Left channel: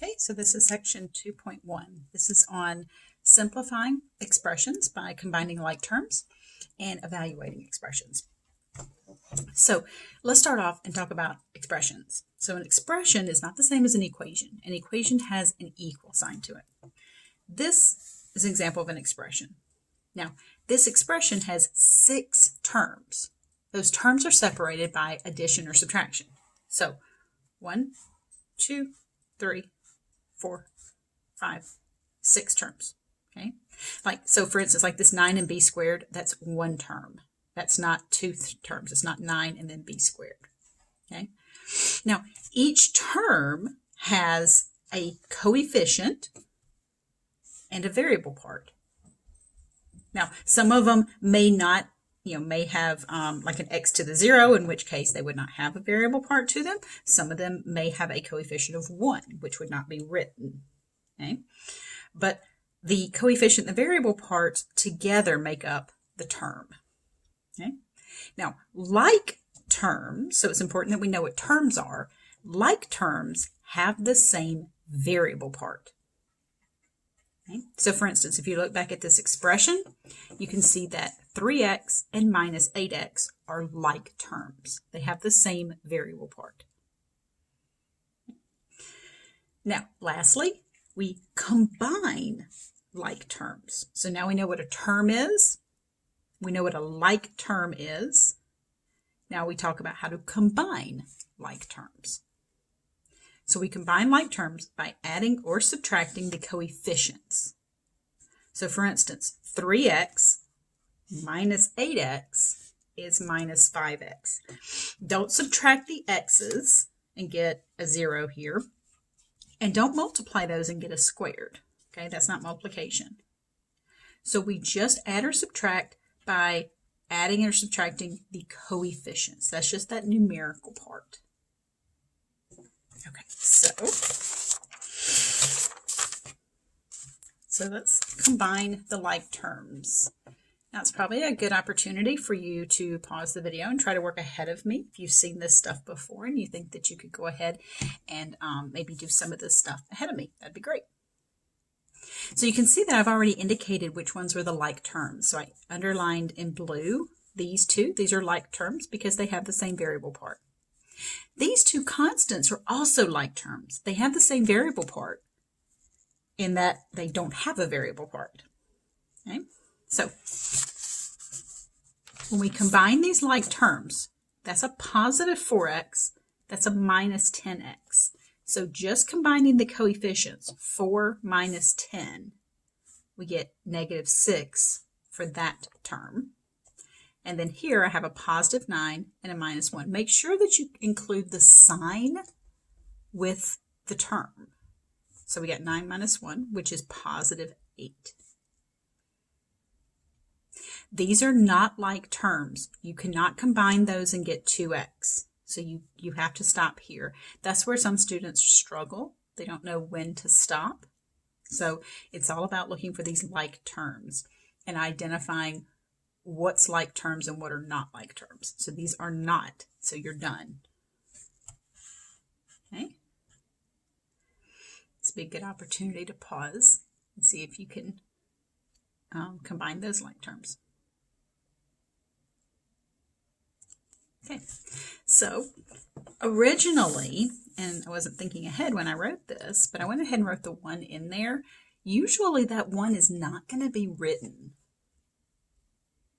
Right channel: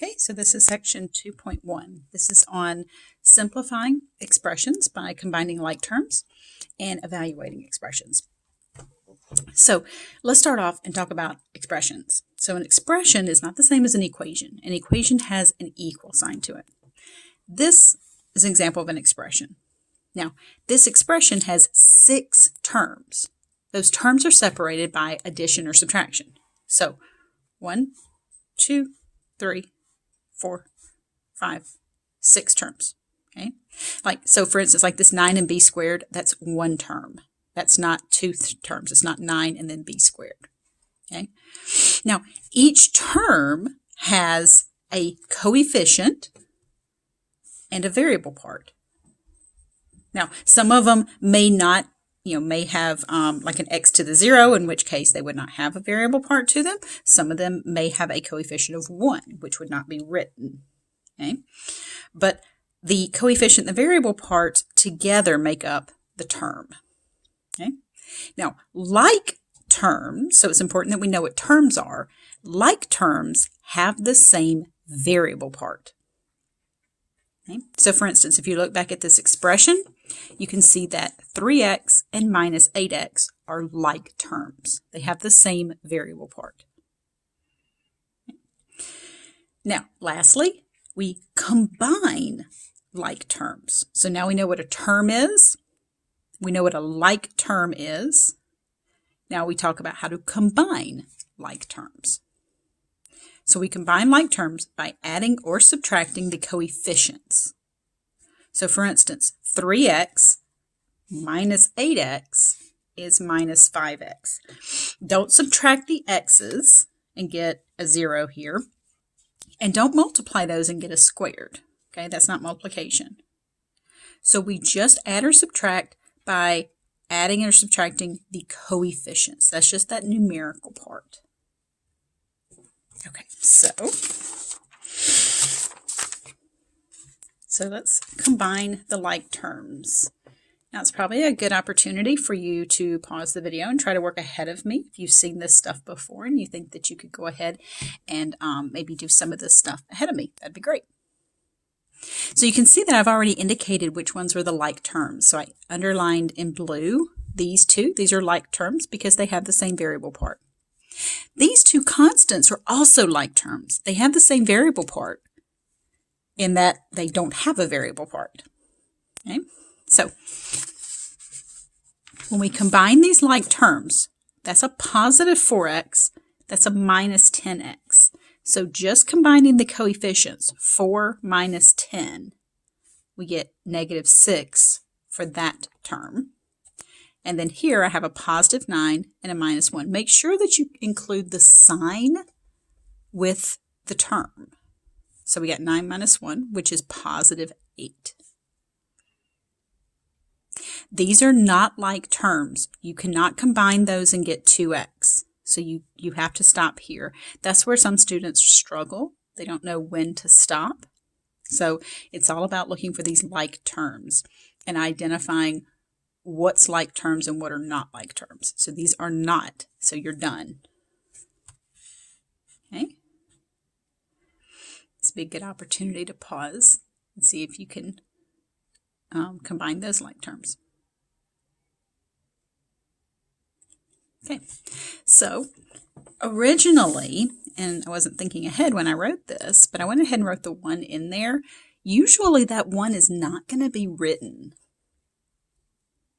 Okay, so this is section 2.1. This is on simplifying expressions by combining like terms and evaluating expressions. So let's start off and talk about expressions. So an expression is not the same as an equation. An equation has an equal sign to it. This is an example of an expression. Now, this expression has 6 terms. Those terms are separated by addition or subtraction. So 1, 2, 3, 4, 5, 6 terms. Okay, so for instance, like this 9b squared, that's one term. That's not 2 terms. It's not 9 and then b squared. Okay, now each term has a coefficient and a variable part. Now, some of them may not, may have like an x to the 0, in which case they would not have a variable part to them. Some of them may have a coefficient of 1, which would not be written. Okay, but the coefficient and the variable parts together make up the term. Okay, now like terms, so it's important that we know what terms are. Like terms have the same variable part. Okay, so for instance, if you look back at this expression, you can see that 3x and minus 8x are like terms. They have the same variable part. Okay. Now, lastly, we combine like terms. So now we know what a term is. We know what a like term is. Now we talk about how to combine like terms. So we combine like terms by adding or subtracting the coefficients. So for instance, 3x minus 8x is minus 5x. Don't subtract the x's and get a 0 here. And don't multiply those and get a squared. Okay, that's not multiplication. So we just add or subtract by adding or subtracting the coefficients. That's just that numerical part. Okay, so let's combine the like terms. Now it's probably a good opportunity for you to pause the video and try to work ahead of me if you've seen this stuff before and you think that you could go ahead and maybe do some of this stuff ahead of me. That'd be great. So you can see that I've already indicated which ones were the like terms. So I underlined in blue these two. These are like terms because they have the same variable part. These two constants are also like terms. They have the same variable part in that they don't have a variable part. Okay? So when we combine these like terms, that's a positive 4x, that's a minus 10x. So just combining the coefficients, 4 minus 10, we get negative 6 for that term. And then here I have a positive 9 and a minus 1. Make sure that you include the sign with the term. So we got 9 minus 1, which is positive 8. These are not like terms. You cannot combine those and get 2x. So you have to stop here. That's where some students struggle. They don't know when to stop. So it's all about looking for these like terms and identifying what's like terms and what are not like terms. So these are not, so you're done. Okay. This would be a good opportunity to pause and see if you can combine those like terms. Okay, so originally, and I wasn't thinking ahead when I wrote this, but I went ahead and wrote the 1 in there. Usually that 1 is not going to be written.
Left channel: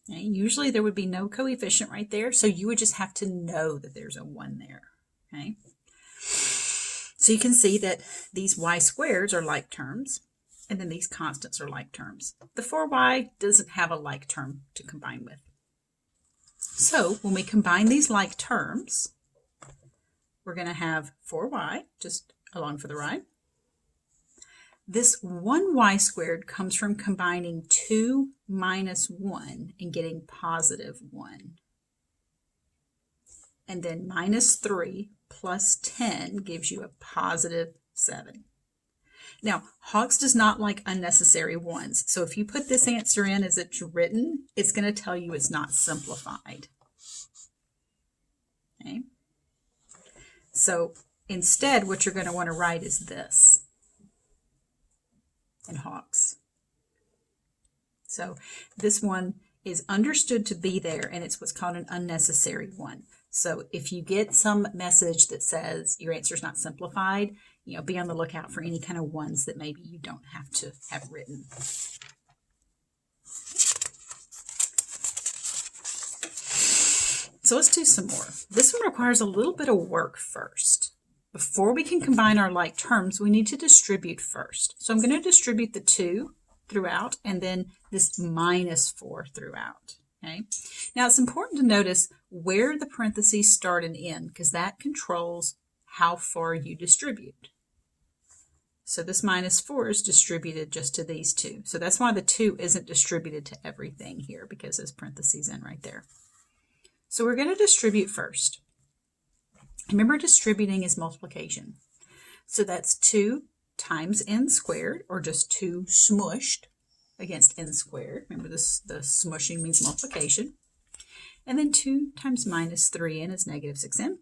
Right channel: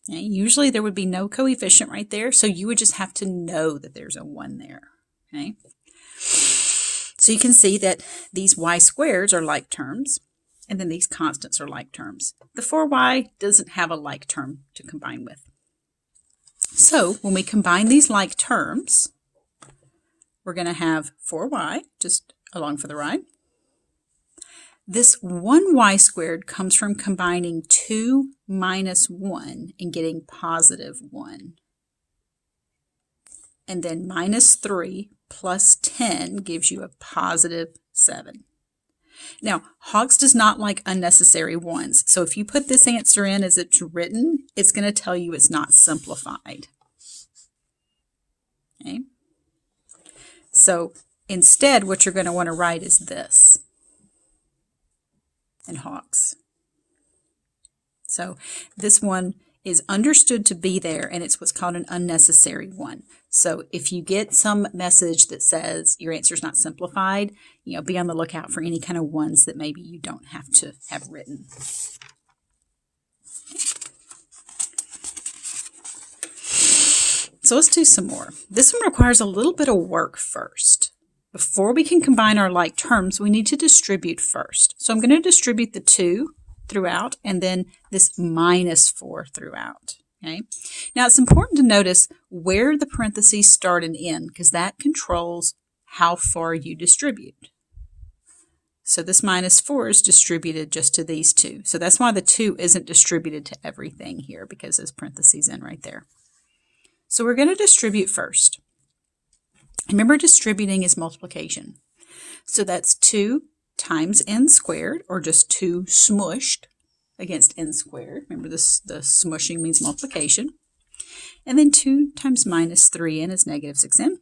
Okay? Usually there would be no coefficient right there, so you would just have to know that there's a 1 there. Okay, so you can see that these y squareds are like terms, and then these constants are like terms. The 4y doesn't have a like term to combine with. So when we combine these like terms, we're going to have 4y, just along for the ride. This 1y squared comes from combining 2 minus 1 and getting positive 1. And then minus 3 plus 10 gives you a positive 7. Now, Hawks does not like unnecessary 1s. So if you put this answer in as it's written, it's going to tell you it's not simplified. Okay. So instead, what you're going to want to write is this. and hawks. So this one is understood to be there, and it's what's called an unnecessary one. So if you get some message that says your answer is not simplified, be on the lookout for any kind of ones that maybe you don't have to have written. So let's do some more. This one requires a little bit of work first. Before we can combine our like terms, we need to distribute first. So I'm going to distribute the 2 throughout, and then this -4 throughout. Okay. Now it's important to notice where the parentheses start and end, because that controls how far you distribute. So this -4 is distributed just to these 2. So that's why the 2 isn't distributed to everything here, because there's parentheses in right there. So we're going to distribute first. Remember, distributing is multiplication. So that's 2 times n squared, or just 2 smushed against n squared. Remember, this, the smushing means multiplication. And then 2 times -3n is -6n.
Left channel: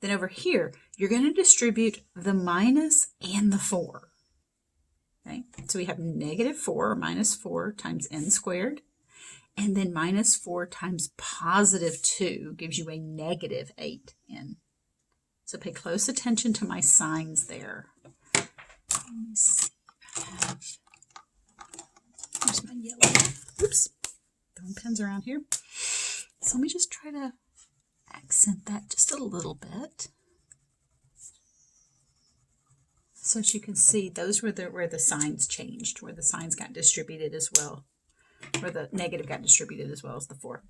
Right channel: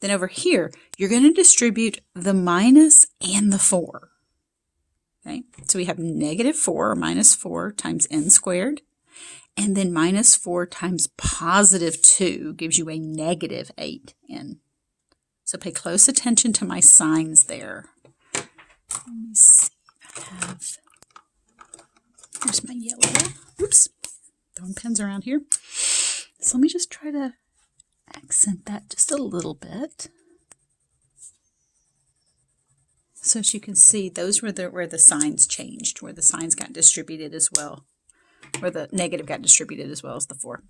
Then over here, you're going to distribute the minus and the 4. Okay, so we have -4 or -4 times n squared. And then -4 times +2 gives you a -8n. So pay close attention to my signs there. Let me see. There's my yellow. Oops. Throwing pens around here. So let me just try to accent that just a little bit. So as you can see, those were where the signs changed, where the signs got distributed as well, where the negative got distributed as well as the 4.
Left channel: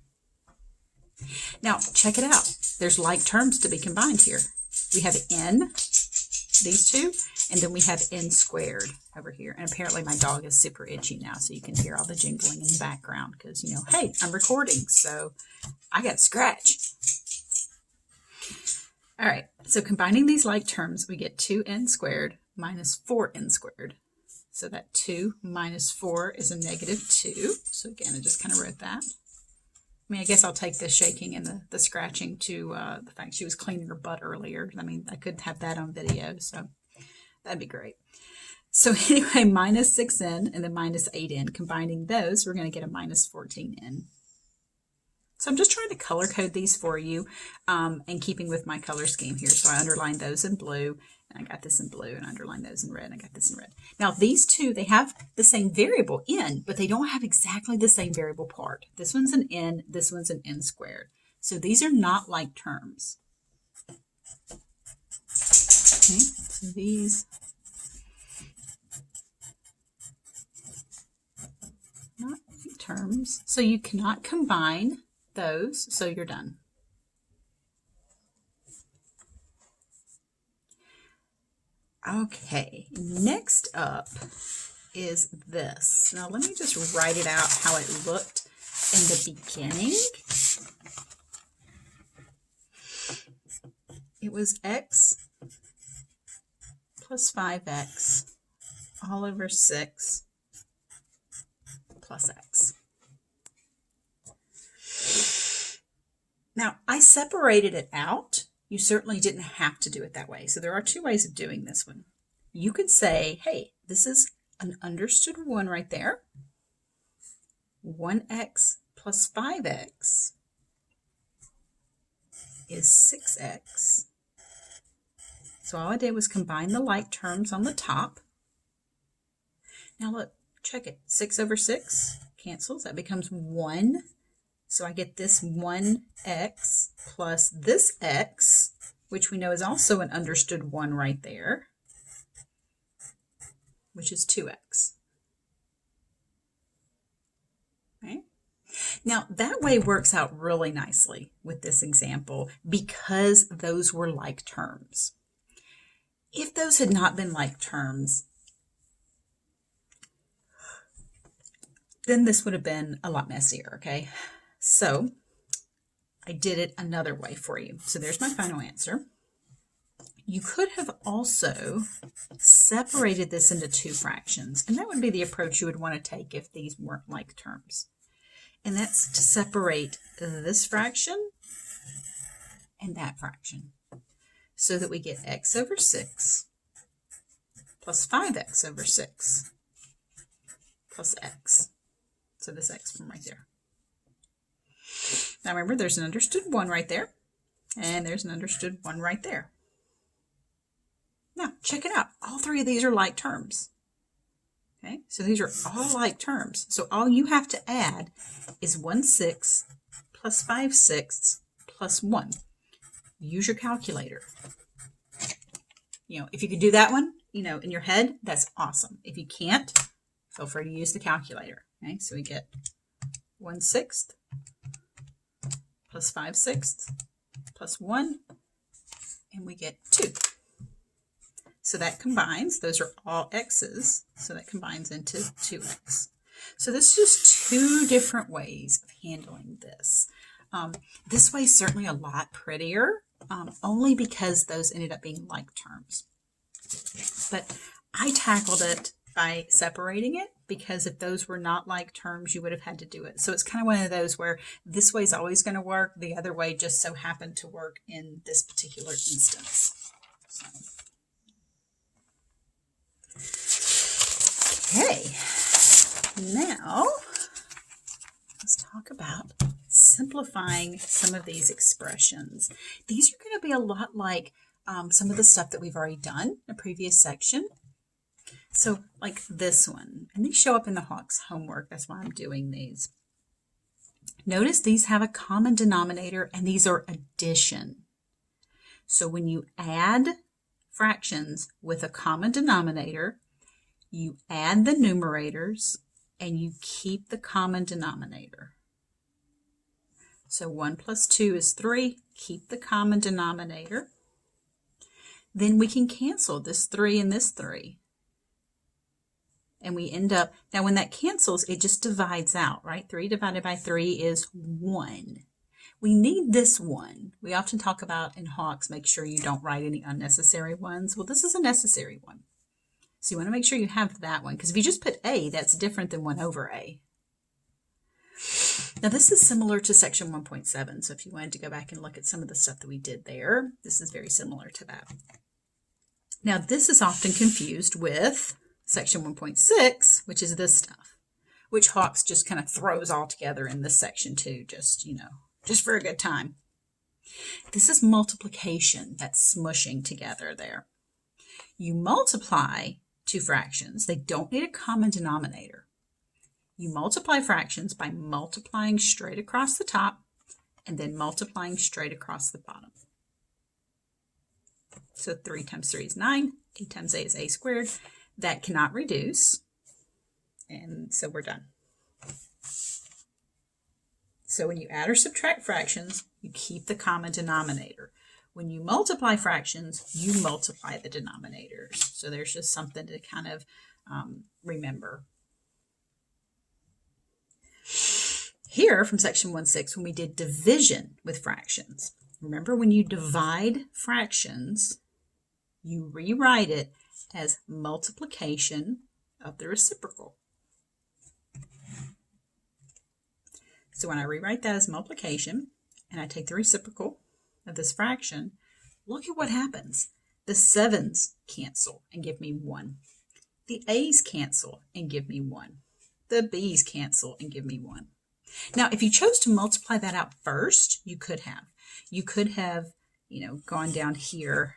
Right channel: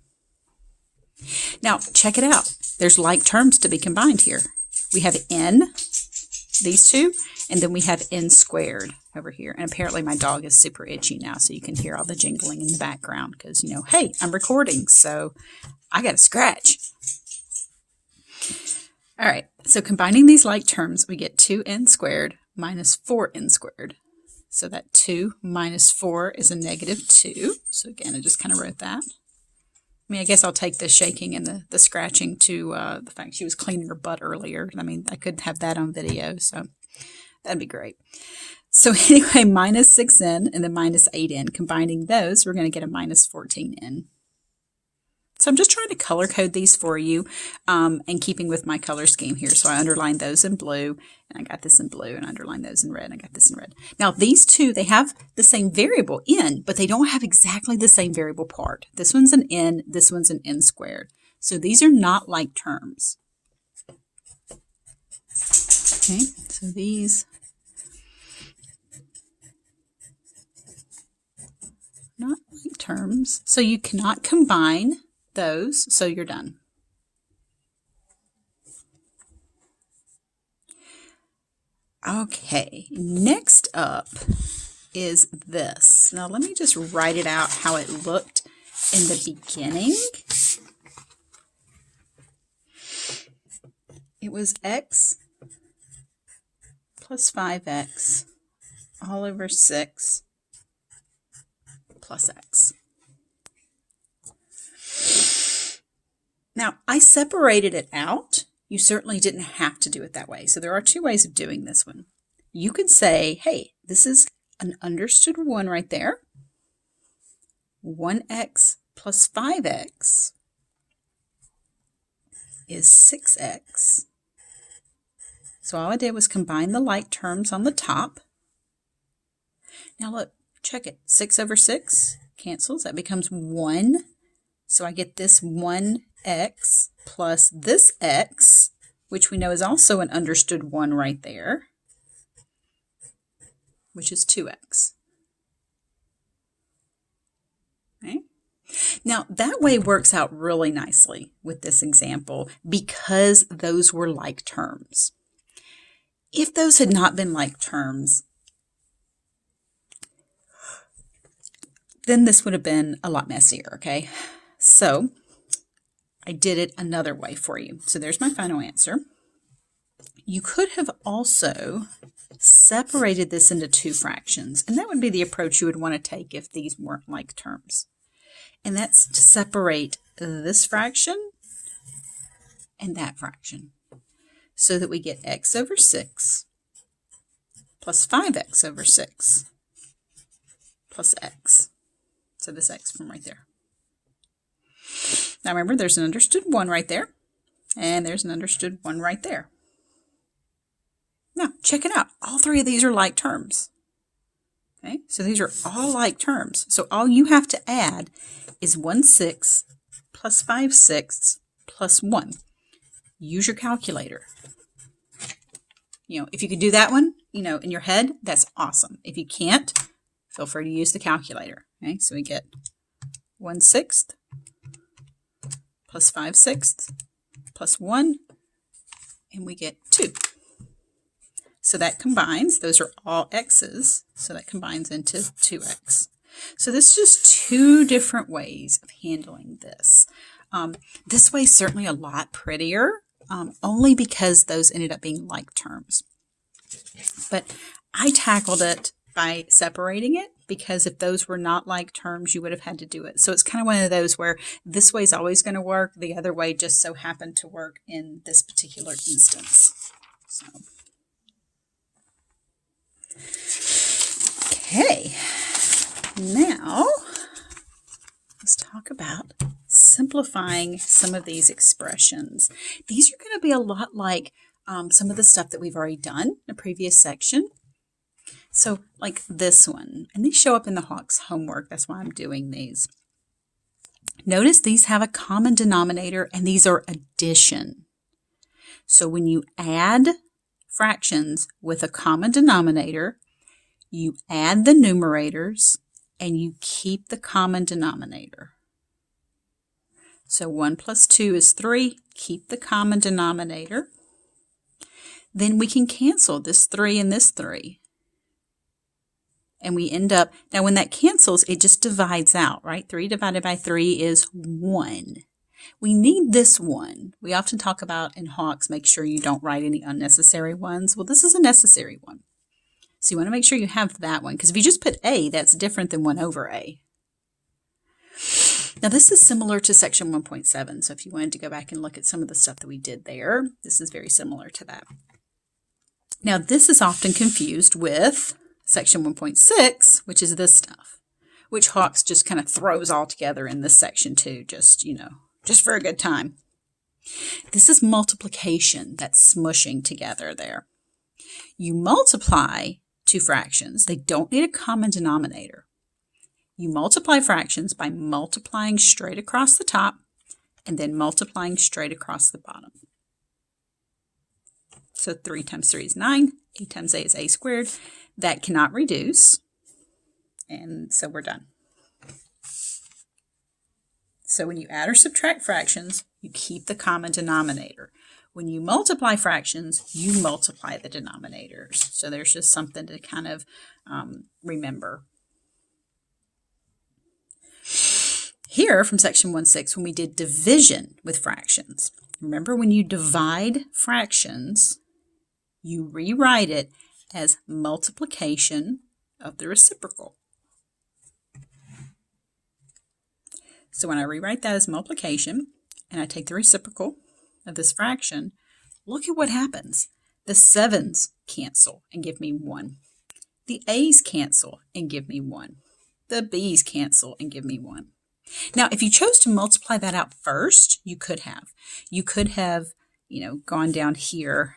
Now, check it out. There's like terms to be combined here. We have n, these 2, and then we have n squared over here. And apparently my dog is super itchy now, so you can hear all the jingling in the background because, hey, I'm recording, so I got to scratch. All right, so combining these like terms, we get 2n squared minus 4n squared. So that 2 minus 4 is a -2. So again, I just kind of wrote that. I guess I'll take the shaking and the scratching to the fact she was cleaning her butt earlier. I could have that on video, so that'd be great. So anyway, -6n and then -8n. Combining those, we're going to get a -14n. So I'm just trying to color code these for you, and keeping with my color scheme here. So I underlined those in blue, and I got this in blue, and I underlined those in red, and I got this in red. Now these 2, they have the same variable n, but they don't have exactly the same variable part. This one's an n, this one's an n squared. So these are not like terms. Okay, so these not like terms. So you cannot combine those, so you're done. Okay, next up is this. Now let me just write it out how it looked in the beginning. It was x plus 5x all over 6 plus x. Now, I separated it out. You certainly didn't have to do it that way. So there are 2 ways of doing this one. You could say, hey, this is an understood one right there. 1x plus 5x is 6x. So all I did was combine the like terms on the top. Now look, check it. 6 over 6 cancels. That becomes 1. So I get this 1x plus this x, which we know is also an understood 1 right there, which is 2x. Okay. Now that way works out really nicely with this example because those were like terms. If those had not been like terms, then this would have been a lot messier, okay? So I did it another way for you. So there's my final answer. You could have also separated this into 2 fractions, and that would be the approach you would want to take if these weren't like terms. And that's to separate this fraction and that fraction so that we get x over 6 plus 5x over 6 plus x. So this x from right there. Now remember, there's an understood 1 right there, and there's an understood 1 right there. Now, check it out. All three of these are like terms. Okay, so these are all like terms. So all you have to add is 1/6 plus 5/6 plus 1. Use your calculator. If you could do that one, in your head, that's awesome. If you can't, feel free to use the calculator. Okay, so we get 1/6 plus 5/6 plus 1, and we get 2. So that combines, those are all x's, so that combines into 2x. So this is just two different ways of handling this. This way is certainly a lot prettier, only because those ended up being like terms. But I tackled it by separating it, because if those were not like terms, you would have had to do it. So it's kind of one of those where this way is always going to work. The other way just so happened to work in this particular instance. So. Okay, now let's talk about simplifying some of these expressions. These are going to be a lot like some of the stuff that we've already done in a previous section. So like this one, and these show up in the Hawks homework. That's why I'm doing these. Notice these have a common denominator, and these are addition. So when you add fractions with a common denominator, you add the numerators and you keep the common denominator. So 1 plus 2 is 3. Keep the common denominator. Then we can cancel this 3 and this 3. And we end up, now when that cancels, it just divides out, right? 3 divided by 3 is 1. We need this 1. We often talk about in Hawks, make sure you don't write any unnecessary ones. Well, this is a necessary one. So you want to make sure you have that one, because if you just put a, that's different than 1 over a. Now this is similar to section 1.7, so if you wanted to go back and look at some of the stuff that we did there, this is very similar to that. Now this is often confused with section 1.6, which is this stuff, which Hawks just kind of throws all together in this section too, just for a good time. This is multiplication, that's smushing together there. You multiply two fractions. They don't need a common denominator. You multiply fractions by multiplying straight across the top and then multiplying straight across the bottom. So 3 times 3 is 9. A times a is a squared. That cannot reduce. And so we're done. So when you add or subtract fractions, you keep the common denominator. When you multiply fractions, you multiply the denominators. So there's just something to kind of remember. Here from section 1.6, when we did division with fractions, remember when you divide fractions, you rewrite it as multiplication of the reciprocal. So when I rewrite that as multiplication, and I take the reciprocal of this fraction, look at what happens. The 7's cancel and give me 1. The a's cancel and give me 1. The b's cancel and give me 1. Now, if you chose to multiply that out first, you could have. You could have, gone down here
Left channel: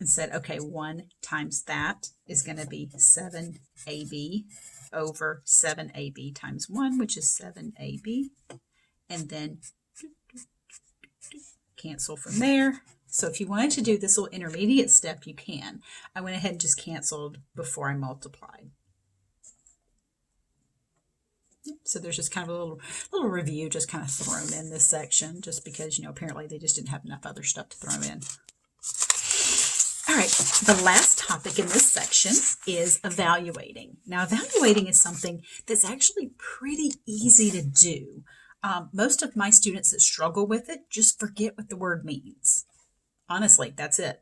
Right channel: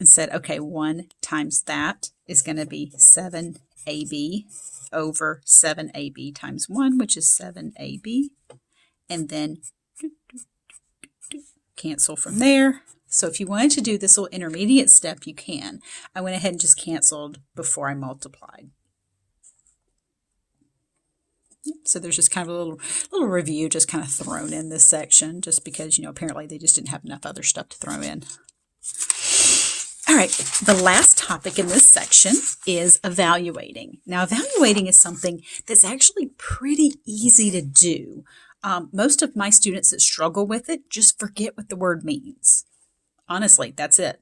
and said, okay, 1 times that is going to be 7ab over 7ab times 1, which is 7ab. And then cancel from there. So if you wanted to do this little intermediate step, you can. I went ahead and just canceled before I multiplied. So there's just kind of a little review just kind of thrown in this section, just because, apparently they just didn't have enough other stuff to throw in. All right, the last topic in this section is evaluating. Now, evaluating is something that's actually pretty easy to do. Most of my students that struggle with it just forget what the word means. Honestly, that's it.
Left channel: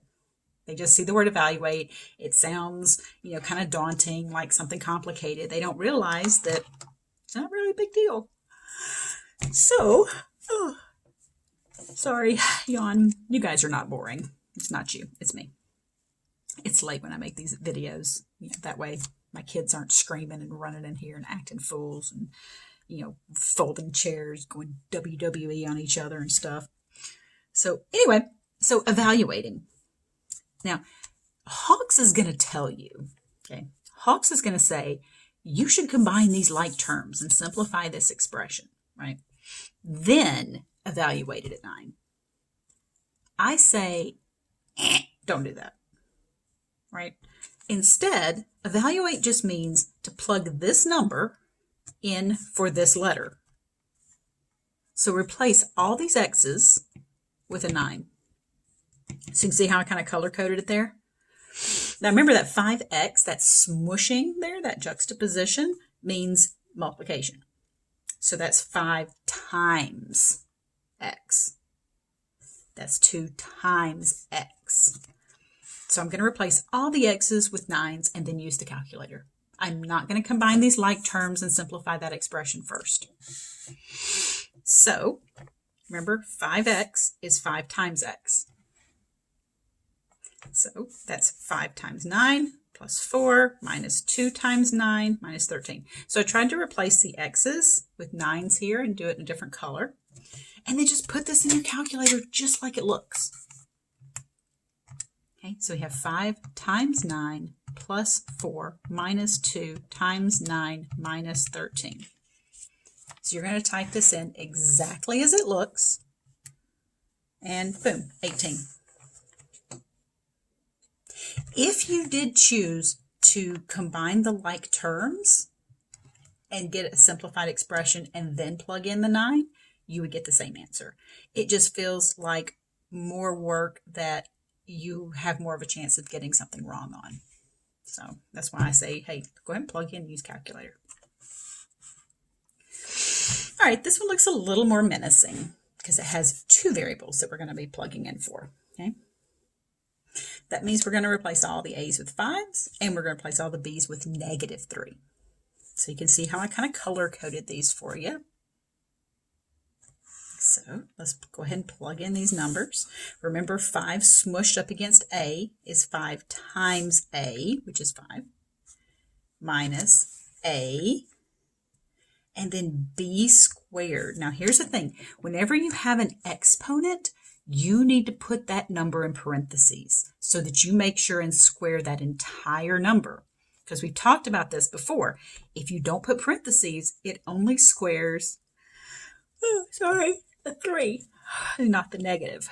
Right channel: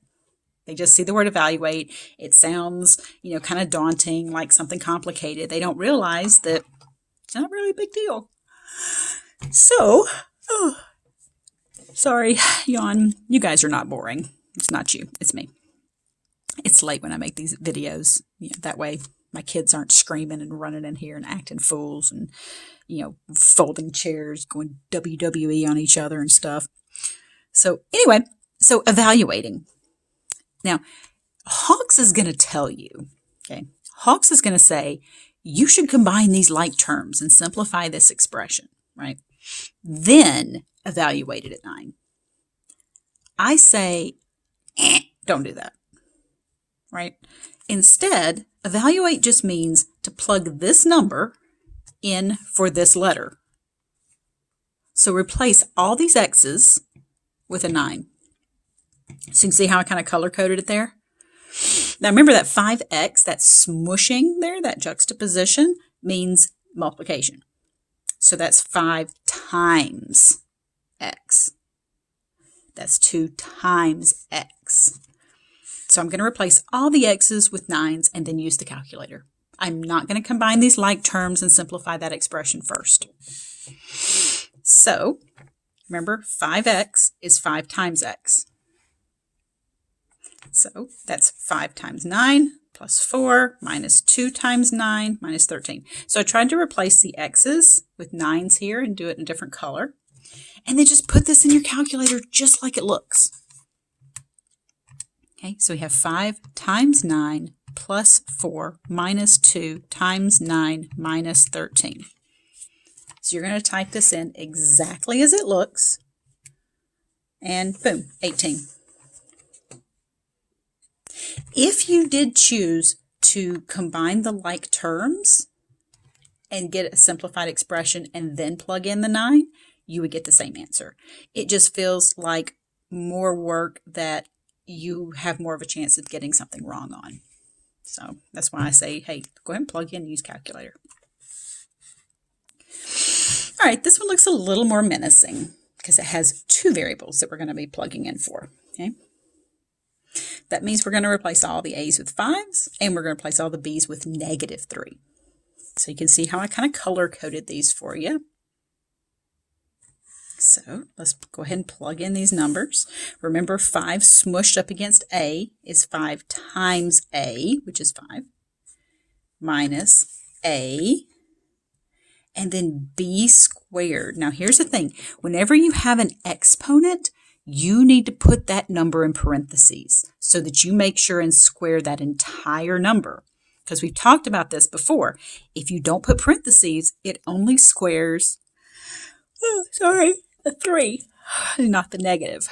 They just see the word evaluate. It sounds, kind of daunting, like something complicated. They don't realize that it's not really a big deal. So, sorry, yawn. You guys are not boring. It's not you. It's me. It's minutes late when I make these videos. That way my kids aren't screaming and running in here and acting fools and, folding chairs, going WWE on each other and stuff. So anyway, so evaluating. Now, Hawks is going to tell you, okay, Hawks is going to say, you should combine these like terms and simplify this expression, right? Then evaluate it at 9. I say, don't do that, right? Instead, evaluate just means to plug this number in for this letter. So replace all these X's with a 9. So you can see how I kind of color-coded it there? Now remember that 5x, that smushing there, that juxtaposition, means multiplication. So that's 5 times x. That's 2 times x. So I'm going to replace all the x's with 9s and then use the calculator. I'm not going to combine these like terms and simplify that expression first. So remember, 5x is 5 times x. So that's 5 times 9 plus 4 minus 2 times 9 minus 13. So I tried to replace the x's with 9s here and do it in a different color. And then just put this in your calculator just like it looks. Okay, so we have 5 times 9 plus 4 minus 2 times 9 minus 13. So you're going to type this in exactly as it looks. And boom, 18. If you did choose to combine the like terms and get a simplified expression and then plug in the 9, you would get the same answer. It just feels like more work that you have more of a chance of getting something wrong on. So that's why I say, hey, go ahead and plug in and use calculator. All right, this one looks a little more menacing because it has 2 variables that we're going to be plugging in for. Okay. That means we're going to replace all the a's with 5s, and we're going to replace all the b's with -3. So you can see how I kind of color-coded these for you. So let's go ahead and plug in these numbers. Remember, 5 smushed up against a is 5 times a, which is 5, minus a, and then b squared. Now here's the thing. Whenever you have an exponent, you need to put that number in parentheses so that you make sure and square that entire number. Because we've talked about this before. If you don't put parentheses, it only squares, the 3, not the negative.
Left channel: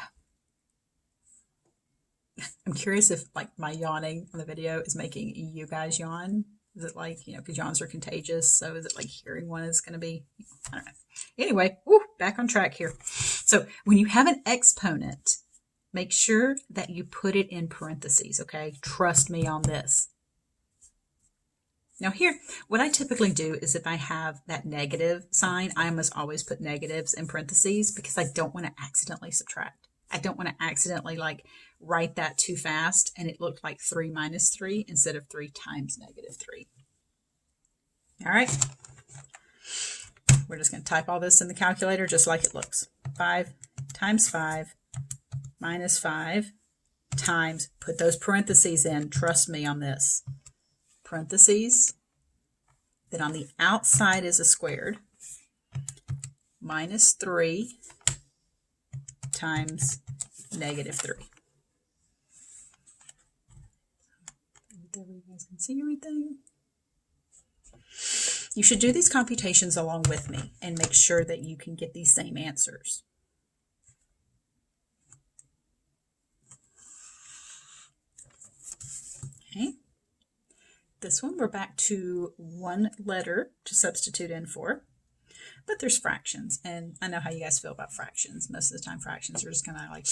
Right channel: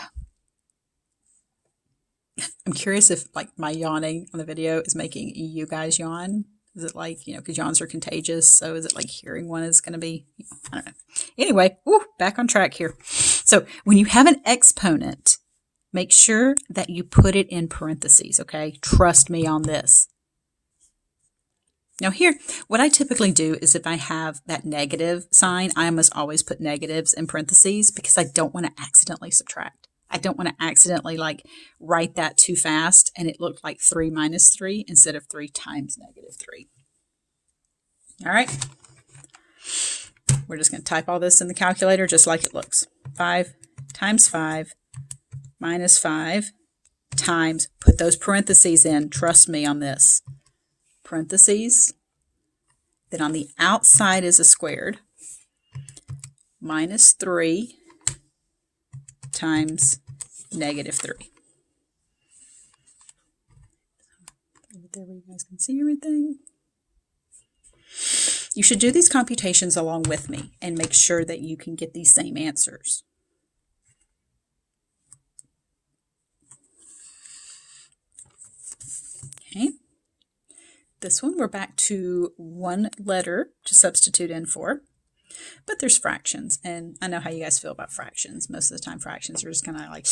I'm curious if my yawning on the video is making you guys yawn. Is it because yawns are contagious, so is it like hearing one is going to be, I don't know. Anyway, back on track here. So when you have an exponent, make sure that you put it in parentheses, okay? Trust me on this. Now here, what I typically do is if I have that negative sign, I must always put negatives in parentheses because I don't want to accidentally subtract. I don't want to accidentally write that too fast and it looked like 3 minus 3 instead of 3 times -3. All right. We're just going to type all this in the calculator just like it looks. 5 times 5 minus 5 times, put those parentheses in, trust me on this. Parentheses, then on the outside is a squared, minus 3 times -3. There where you guys can see everything. You should do these computations along with me and make sure that you can get these same answers. Okay. This one, we're back to 1 letter to substitute in for, but there's fractions, and I know how you guys feel about fractions. Most of the time fractions are just kind of like,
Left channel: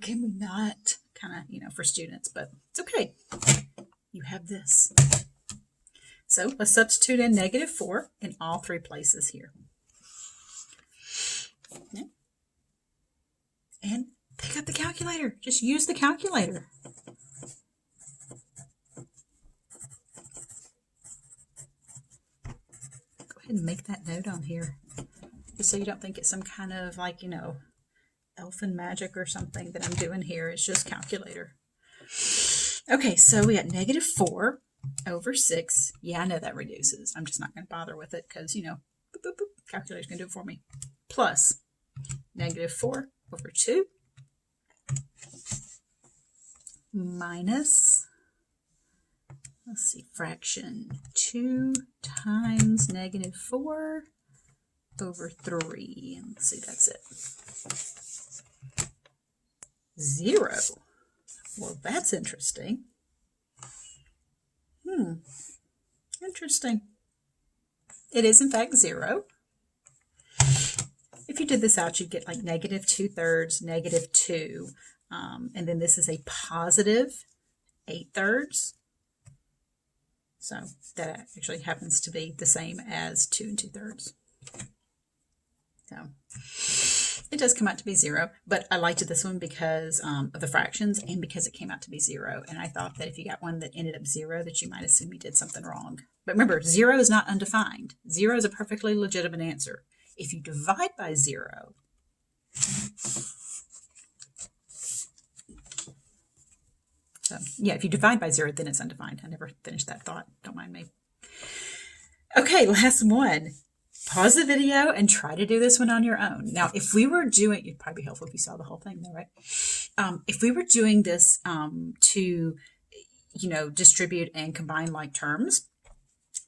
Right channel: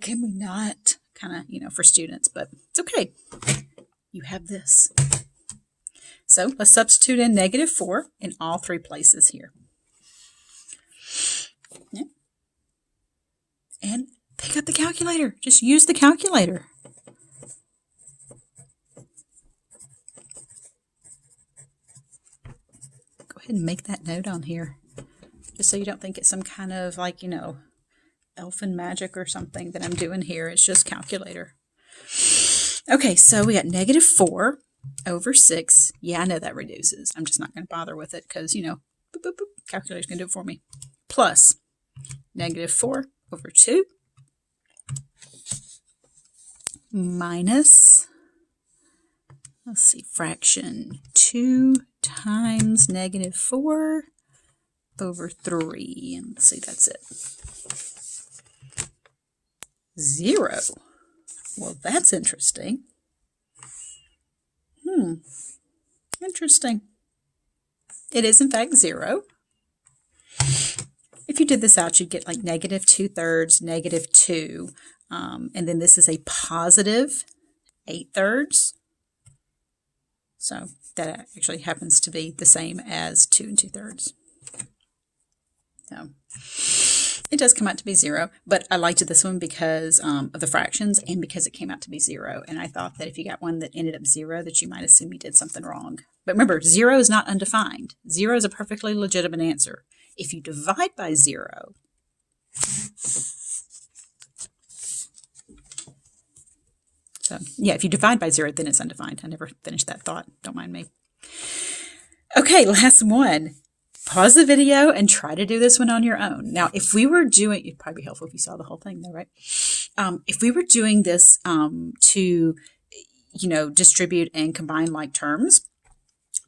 can we not, kind of, for students, but it's okay. You have this. So let's substitute in -4 in all 3 places here. Okay. And pick up the calculator. Just use the calculator. And make that note on here just so you don't think it's some kind of elfin magic or something that I'm doing here. It's just calculator. Okay, so we got negative 4 over 6. Yeah, I know that reduces. I'm just not going to bother with it because, you know, boop, boop, boop, calculator's going to do it for me. Plus negative 4 over 2 minus, let's see, fraction 2 times negative 4 over 3. And let's see, that's it. 0. Well, that's interesting. Interesting. It is, in fact, 0. If you did this out, you'd get like negative 2/3, negative 2. And then this is a positive 8/3. So that actually happens to be the same as 2 2/3. So it does come out to be 0, but I liked this one because of the fractions and because it came out to be 0. And I thought that if you got one that ended up 0, that you might assume you did something wrong. But remember, 0 is not undefined. 0 is a perfectly legitimate answer. If you divide by 0, so yeah, if you divide by 0, then it's undefined. I never finished that thought. Don't mind me. Okay, last one. Pause the video and try to do this one on your own. Now, if we were doing, it'd probably be helpful if you saw the whole thing though, right? If we were doing this to, you know, distribute and combine like terms,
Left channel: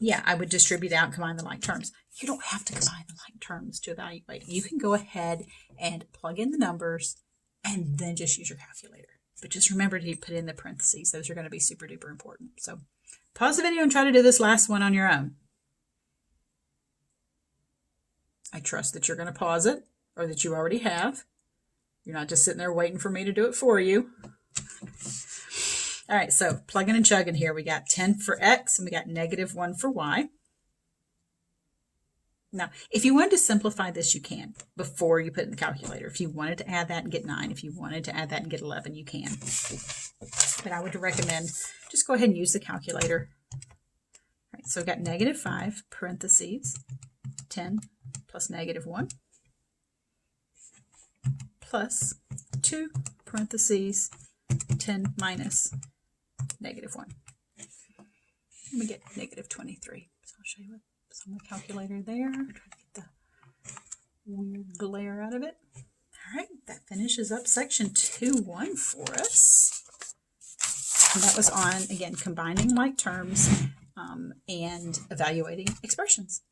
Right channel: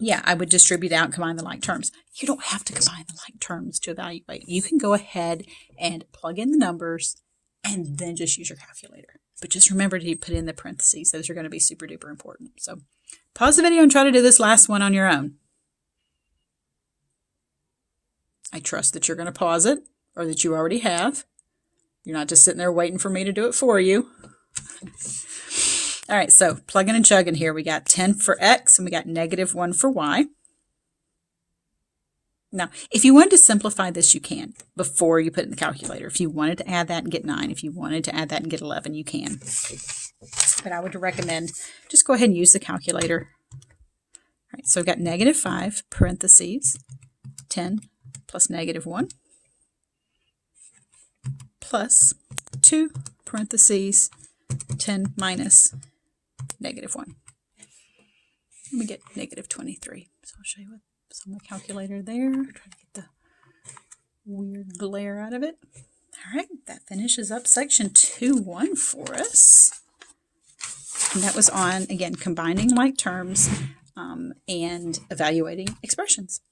yeah, I would distribute out and combine the like terms. You don't have to combine the like terms to evaluate. You can go ahead and plug in the numbers and then just use your calculator. But just remember to put in the parentheses. Those are going to be super duper important. So pause the video and try to do this last one on your own. I trust that you're going to pause it or that you already have. You're not just sitting there waiting for me to do it for you. All right, so plugging and chugging here. We got 10 for x and we got negative 1 for y. Now, if you wanted to simplify this, you can before you put it in the calculator. If you wanted to add that and get 9, if you wanted to add that and get 11, you can. But I would recommend just go ahead and use the calculator. All right, so we've got negative 5 parentheses 10 plus negative 1 plus 2 parentheses 10 minus negative 1. And we get negative 23. So I'll show you what's on the calculator there. Try to get the weird glare out of it. All right, that finishes up section 2.1 for us. And that was on, again, combining like terms and evaluating expressions.